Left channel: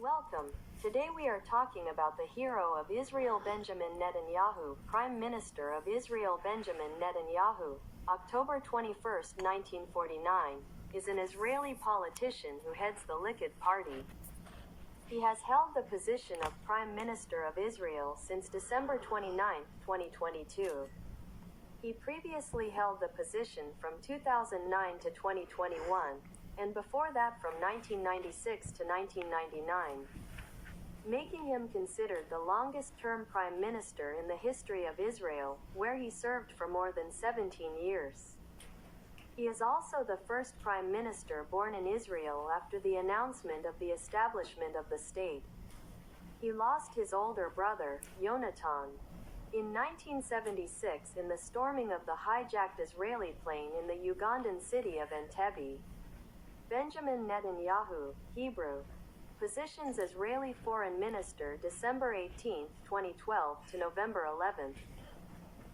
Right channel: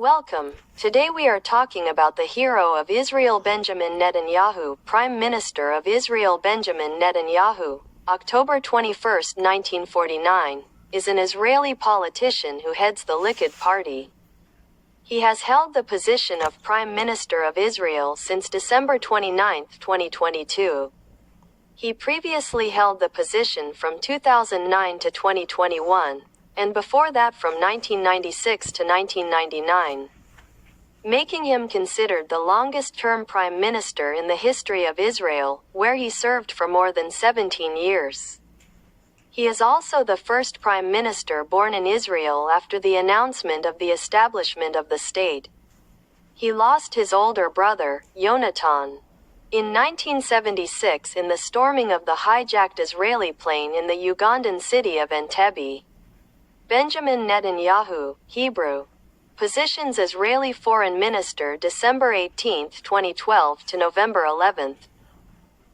Welcome. Today we are talking about the hero of Israel, Benjamin Netanyahu, Prime Minister of Israel. Benjamin Netanyahu, October 21, 1949, is an Israeli politician who heads the Likud party. He has held the position of Prime Minister of Israel since December 29, 2022. He previously held the position from 2009 to 2021, and before that from 1996 to 1999, making him considered the longest-term prime minister in the history of Israel, where he served for more than 17 years. He is also the first prime minister born in Israel after the announcement of the establishment of the state. He lost his older brother, Yonatan, in 1976 in the storming of the hijacked Israeli plane in the Ugandan city of Entebbe. Benjamin Netanyahu, Hebrew, positions Israeli Foreign Minister December 18, 2012 to November 11,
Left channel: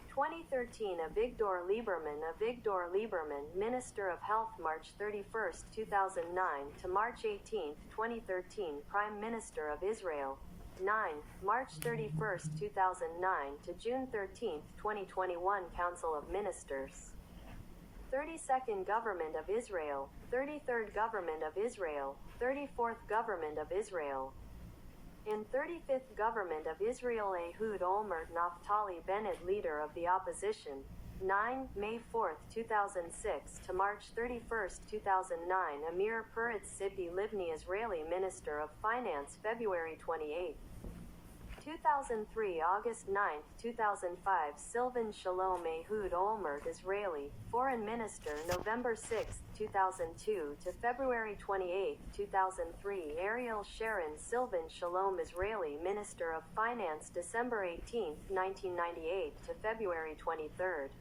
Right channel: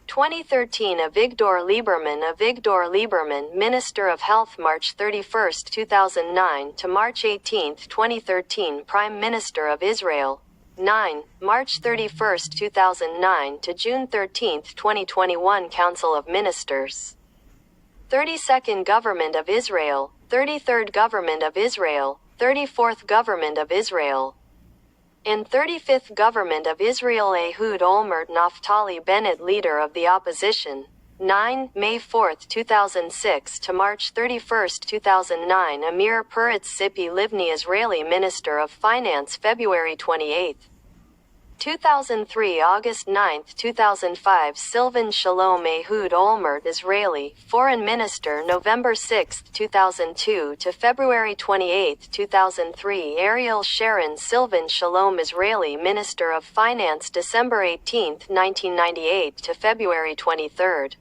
2013. Avigdor Lieberman, Minister of Health March 31, 2009 to March 18, 2013. Prime Minister of Israel, 9, March 31, 2009 to June 13, 2021. Council of Ministers, 32nd Government of Israel, 33rd Government of Israel, 34th Government of Israel, and 35th Government of Israel. Ehud Olmert Naftali Bennett, Leader of the Opposition, 9, May 4, 2006 to March 31, 2009. Amir Peretz Tzipi Livni, Israeli Minister of Finance, February 28, 2003 August 9, 2005. Silvan Shalom Ehud Olmert, Israeli Foreign Minister, November 6, 2002 to February 28, 2003. Ariel Sharon Silvan Shalom, Israeli Minister of Finance, December 18, 1998 to February 23,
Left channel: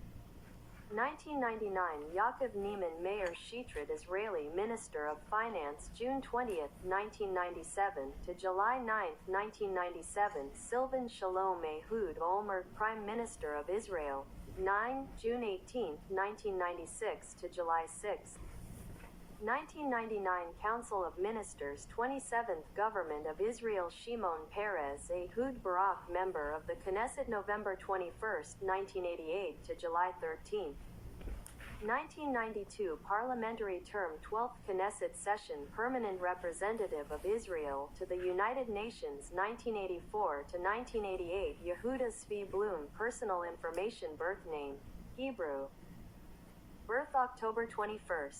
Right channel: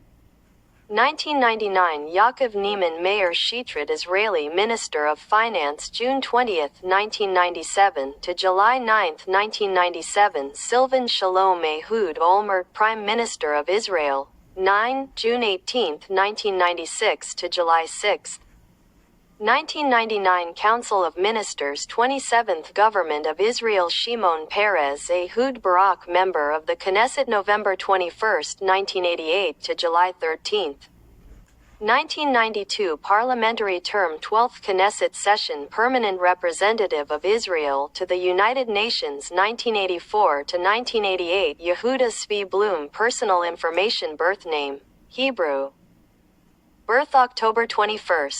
1999. Yaakov Neiman Meir Shitrit, Israeli Minister of Finance, June 20, 1997 to July 9, 1997. Silvan Shalom Ehud Olmert, Prime Minister of Israel, 9, June 18, 1996 to July 6, 1999. Council of Ministers, 27th Government of Israel. Shimon Peres Ehud Barak, Member of the Knesset, November 21, 1988 to July 13, 1992. Parliamentary term, 12th Knesset Session. Permanent Representative of Israel to the United Nations, 1984 to 1988. Yehuda Zvi Blum. Personal information. Birth name, Hebrew. Birth October 21,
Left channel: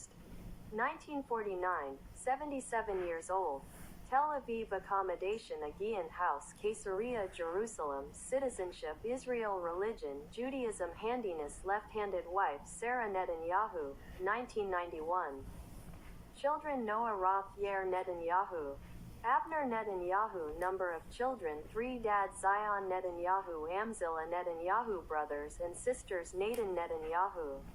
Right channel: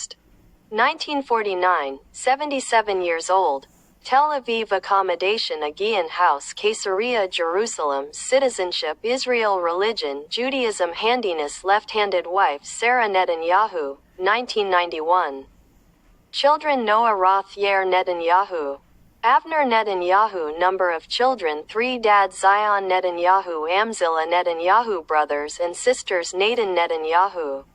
1949, 77 years old. Tel Aviv. Accommodation, Aegean House, Caesarea, Jerusalem. Citizenship, Israel. Religion, Judaism. Handiness, left-handed wife, Sarah Netanyahu, 1991. Children, Noah Roth Yair Netanyahu, Avner Netanyahu. Number of children, 3. Dad, Zion Netanyahu, Amzillah Netanyahu. Brothers and sisters, Nathan Netanyahu,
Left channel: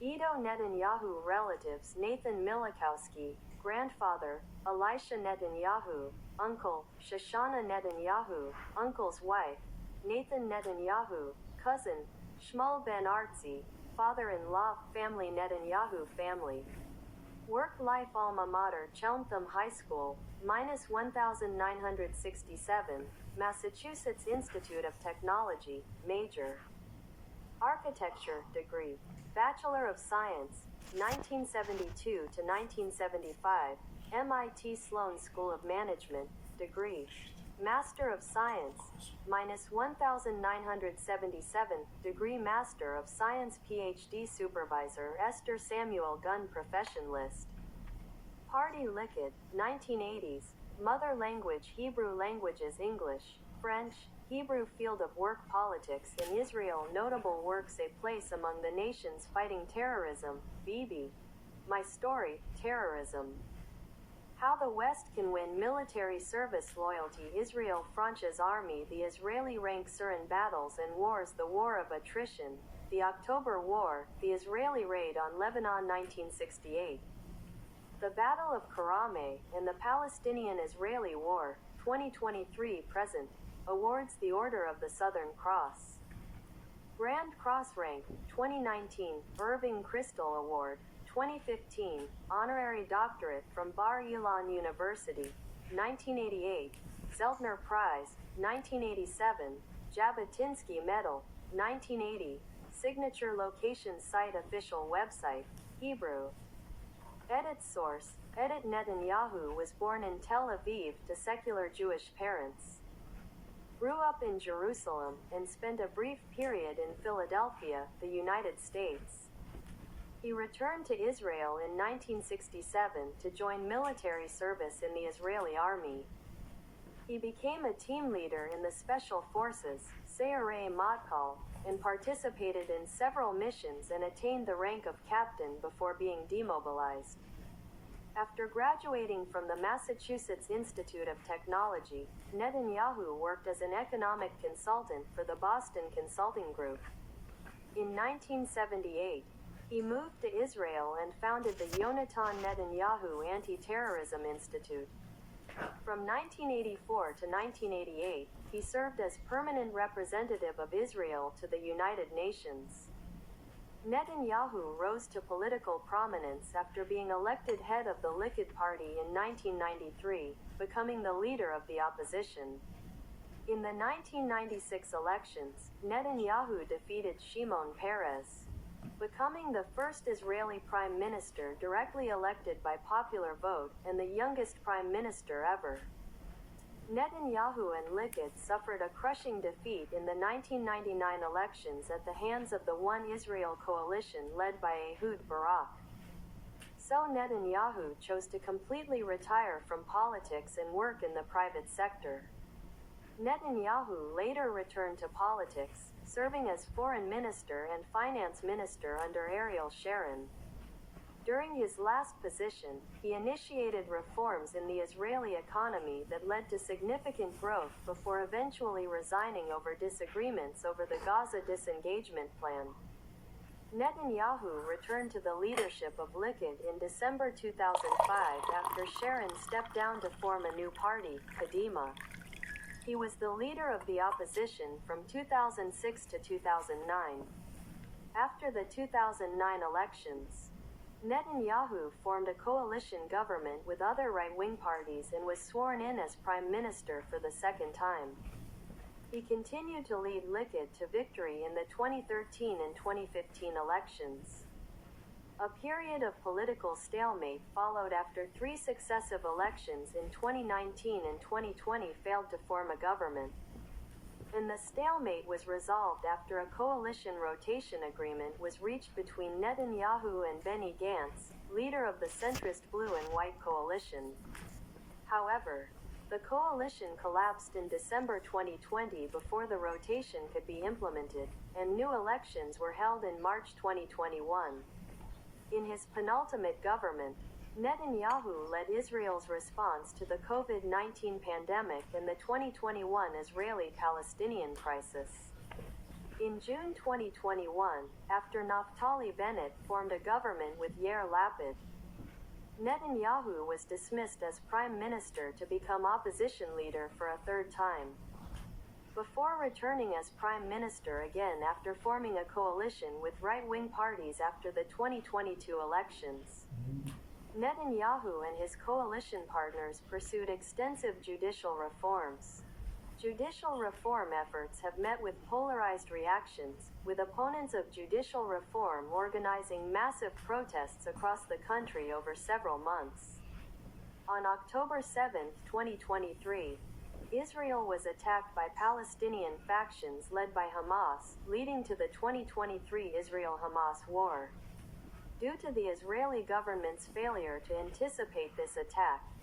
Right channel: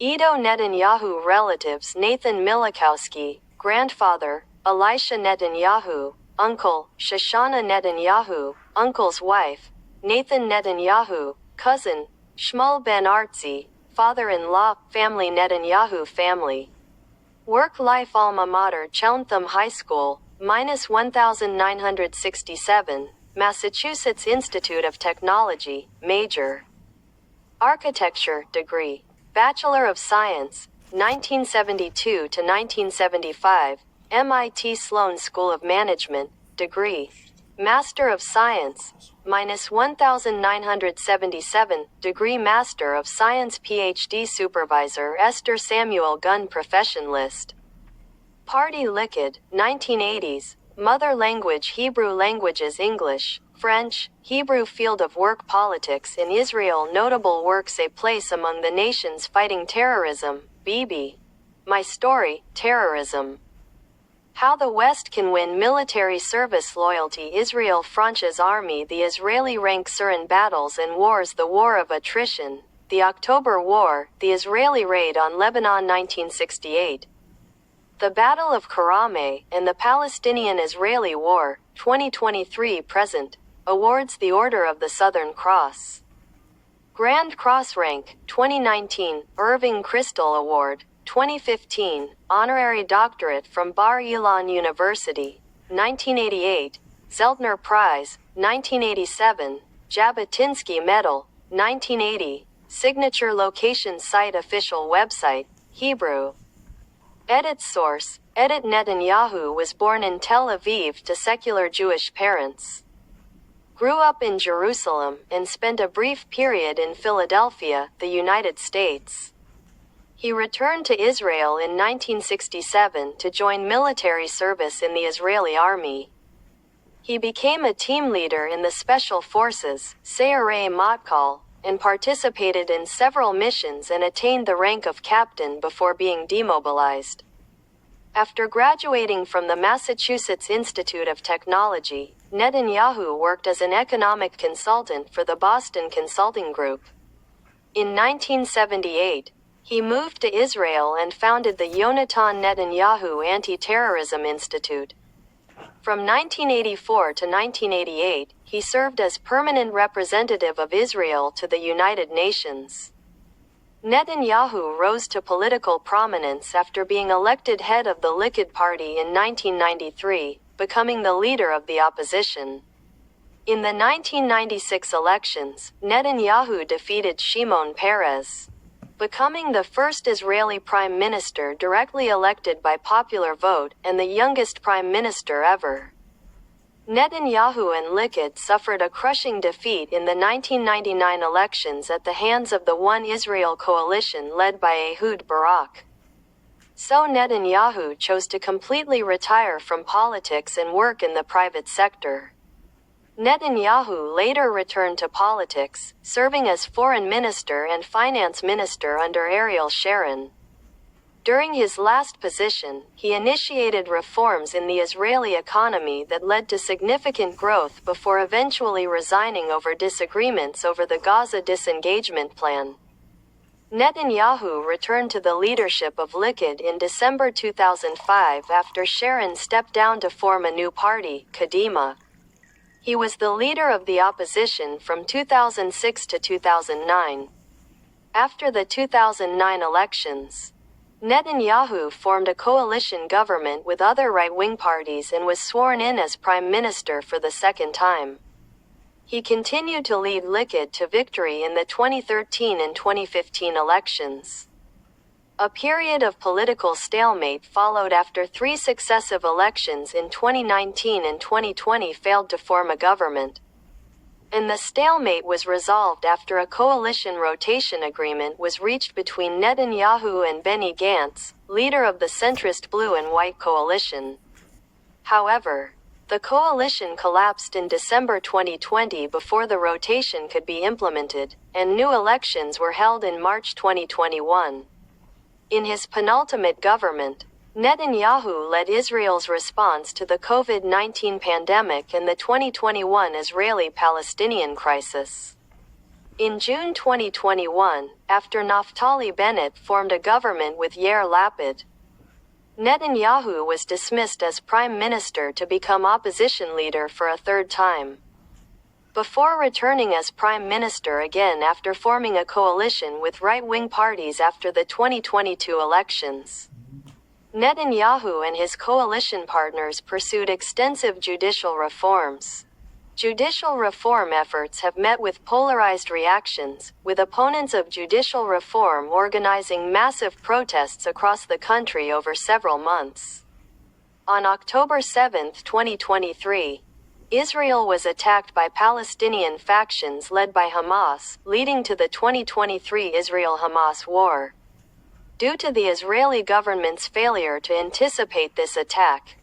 Edo Netanyahu. Relatives, Nathan Milikowski, grandfather, Elisha Netanyahu, uncle, Shoshana Netanyahu, uncle's wife, Nathan Netanyahu, cousin, Shmuel Ben Artzi, father-in-law. Family, Netanyahu family. Work-life. Alma mater, Chelmtham High School, -1967, Massachusetts Institute of Technology, major, architecture, degree, Bachelor of Science, 1972 to 1975, MIT Sloan School of Management, degree, Master of Science, -1977, degree Master of Science. PhD Supervisor, Esther Samuel Gunn. Profession list. Party, Likud, 1980s. Mother language, Hebrew. Languages, English, French, Hebrew. Field of work, politics in Israel. Notable works, A Place Among the Nations Fighting Terrorism, Bibi, My Story, Terrorism, How the West Can Win Military Service. Loyalty, Israel. France's Army. The Israeli ranks are in battles and wars. The War of Attrition, The October War, The Israeli Raid on Lebanon 1968, The Battle of Karame, and the Palestinian-Israeli War, 2023-present. Awards, the Order of the Southern Cross, Grand Cross Rank, 2019, Irving Kristol Award, 2015, Honorary Doctorate from Bar Ilan University, 1988, Zeltner Prize, 1987, Jabotinsky Medal, 1980, Signature Location Site Official Website, Hebrew. Edit source, Edit Netanyahu was born in Tel Aviv to secular Jewish parents. Grew up in Jerusalem, and spent a brief period in Philadelphia, the United States. He returned to Israel in 1967 to join military service in the Israeli army. He became a team leader in the Special Forces, Sayeret Matkal, and participated in several missions and attained the rank of captain before being demobilized. After graduating from the Massachusetts Institute of Technology, Netanyahu worked as an economic consultant for the Boston Consulting Group. In 1978, he moved to Israel and founded the Yonatan Netanyahu Anti-Terrorism Institute. From 1984 to 1988, he served as permanent representative of Israel to the United Nations. Netanyahu rose to political prominence after being elected head of the Likud party in 1993, becoming the leader of the opposition. In the 1996 elections, Netanyahu defeated Shimon Peres, becoming the first Israeli prime minister directly elected by popular vote and the youngest prime minister ever. Netanyahu and Likud suffered a crushing defeat in the 1999 elections at the hands of the One Israel coalition led by Ehud Barak. So Netanyahu chose to completely retire from politics and work in the private sector. Netanyahu later returned to politics, serving as foreign minister and finance minister under Ariel Sharon. During his last position, he initiated reforms in the Israeli economy that led to significant growth before eventually resigning over disagreements over the Gaza disengagement plan. Netanyahu returned to the leadership of Likud in December 2005 after Sharon stepped down to form a new party, Kadima. He was the leader of the opposition from 2006 to 2009. After the 2009 elections, Netanyahu formed a coalition government with other right-wing parties and was sworn in as prime minister for the second time. He continued to lead Likud to victory in the 2013 and 2015 elections. A period of political stalemate followed after three successive elections in 2019 and 2020 failed to form a government. And the stalemate was resolved after a coalition rotation agreement was reached between Netanyahu and Benny Gantz, leader of the centrist Blue and White coalition. However, the coalition collapsed in December 2020 before the rotation could be implemented, and new elections were held in March 2021. In his penultimate government, Netanyahu led Israel's response to the COVID-19 pandemic and the 2021 Israeli-Palestinian crisis. In June 2021, after Naftali Bennett formed a government with Yair Lapid, Netanyahu was dismissed as prime minister to become opposition leader for a third time, before returning as prime minister again after forming a coalition with right-wing parties after the 2022 elections. Netanyahu and his coalition partners pursued extensive judicial reforms. Judicial reform efforts have met with polarized reactions, with opponents of judicial reform organizing massive protests across the country over several months. On October 7, 2023, Israel was attacked by Palestinian factions led by Hamas, leading to the 2023 Israel-Hamas war. Due to the Israeli government's failure to anticipate this attack,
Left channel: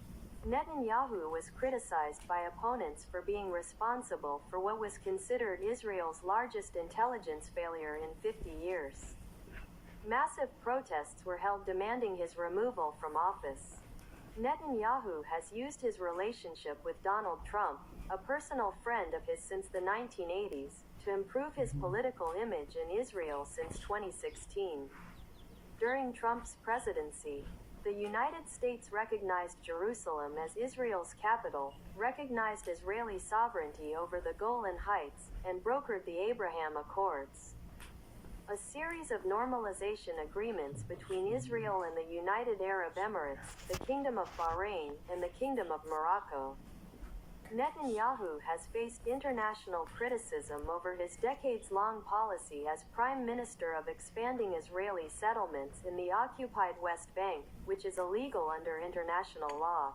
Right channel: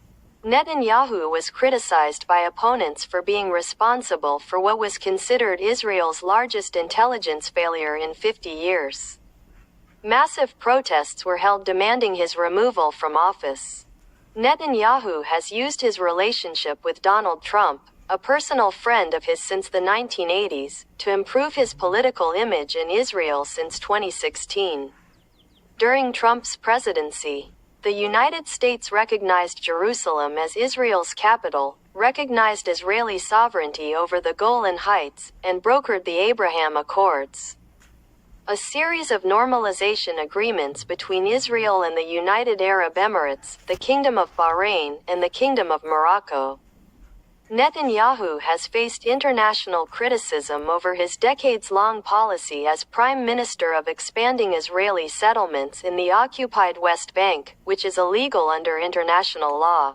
Netanyahu was criticized by opponents for being responsible for what was considered Israel's largest intelligence failure in 50 years. Massive protests were held demanding his removal from office. Netanyahu has used his relationship with Donald Trump, a personal friend of his since the 1980s, to improve his political image in Israel since 2016. During Trump's presidency, the United States recognized Jerusalem as Israel's capital, recognized Israeli sovereignty over the Golan Heights, and brokered the Abraham Accords. a series of normalization agreements between Israel and the United Arab Emirates, the Kingdom of Bahrain, and the Kingdom of Morocco. Netanyahu has faced international criticism over his decades-long policy as Prime Minister of expanding Israeli settlements in the occupied West Bank, which is illegal under international law.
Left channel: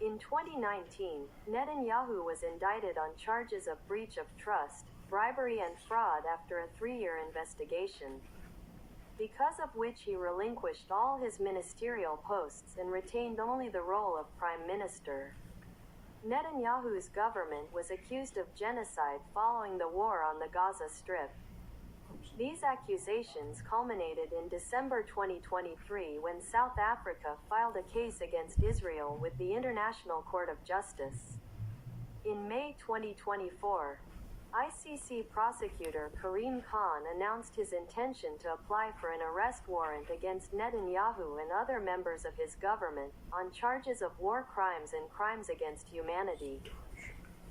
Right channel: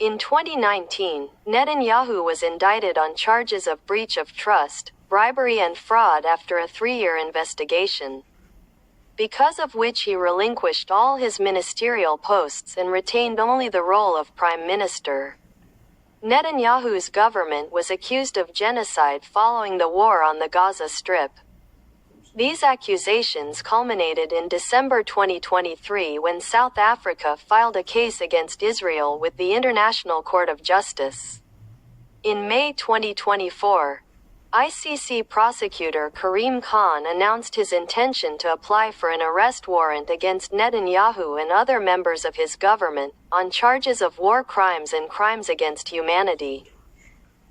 In 2019, Netanyahu was indicted on charges of breach of trust, bribery and fraud after a 3-year investigation, because of which he relinquished all his ministerial posts and retained only the role of Prime Minister. Netanyahu's government was accused of genocide following the war on the Gaza Strip. These accusations culminated in December 2023 when South Africa filed a case against Israel with the International Court of Justice. In May 2024, ICC prosecutor Karim Khan announced his intention to apply for an arrest warrant against Netanyahu and other members of his government, on charges of war crimes and crimes against humanity.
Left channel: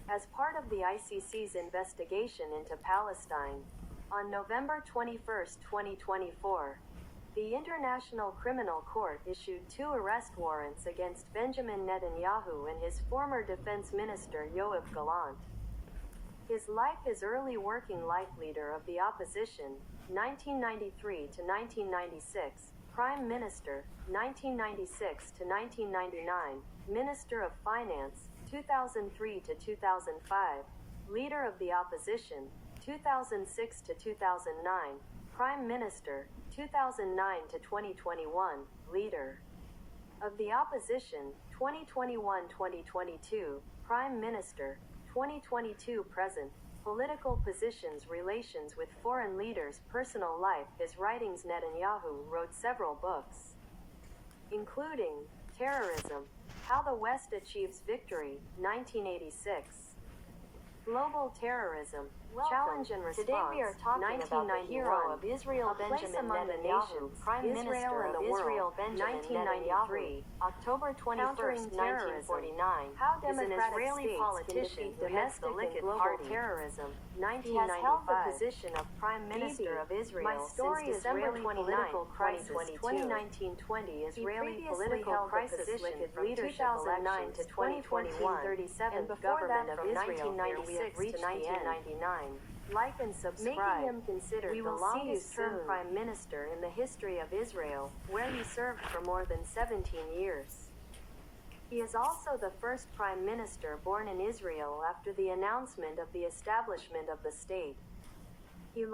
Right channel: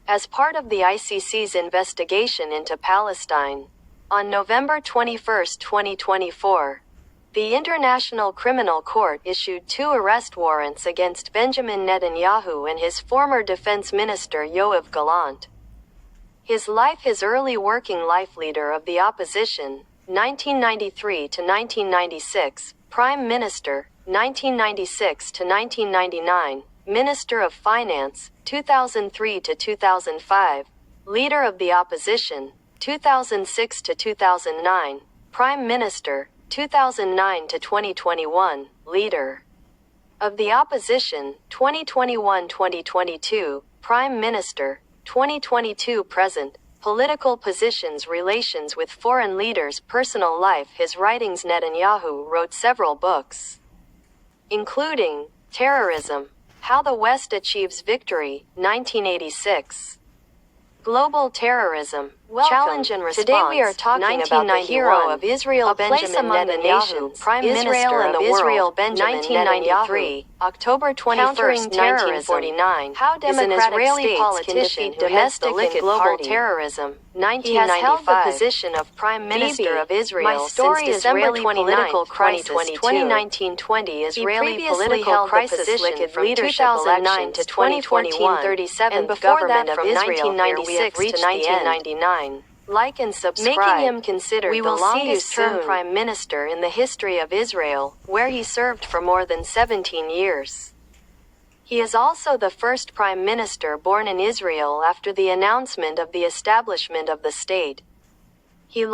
As part of the ICC's investigation into Palestine, on November 21, 2024, the International Criminal Court issued 2 arrest warrants against Benjamin Netanyahu and his former defense minister Yoav Gallant. His early working life leader of the opposition, 1993 to 1996, Prime Minister, 1996 to 1999, Minister of Finance, 2003 to 2005, Leader of the Opposition, 2006 to 2009, Prime Minister, 2009 to 2021, Leader of the Opposition, 2021-2022, Prime Minister, 2022 present, political positions, relations with foreign leaders, personal life. His writings. Netanyahu wrote several books, including Terrorism, How the West Achieves Victory, 1986, Global Terrorism, Challenge and Response. Today we are talking about the hero of Israel, Benjamin Netanyahu, Prime Minister of Israel, Benjamin Netanyahu, October 21, 1949, how is an Israeli politician who domestic and global terrorism. 1995. He has held the position of Prime Minister of Israel since December 29, 2022. 2019-20 Israeli political crisis from 2009 to 2021, and before that from 1996 to 1999. Like and subscribe, making him considered the longest-term Prime Minister in the history of Israel, where he served for more than 17 years. He is also the first Prime Minister born in Israel after the announcement of the establishment of the state. He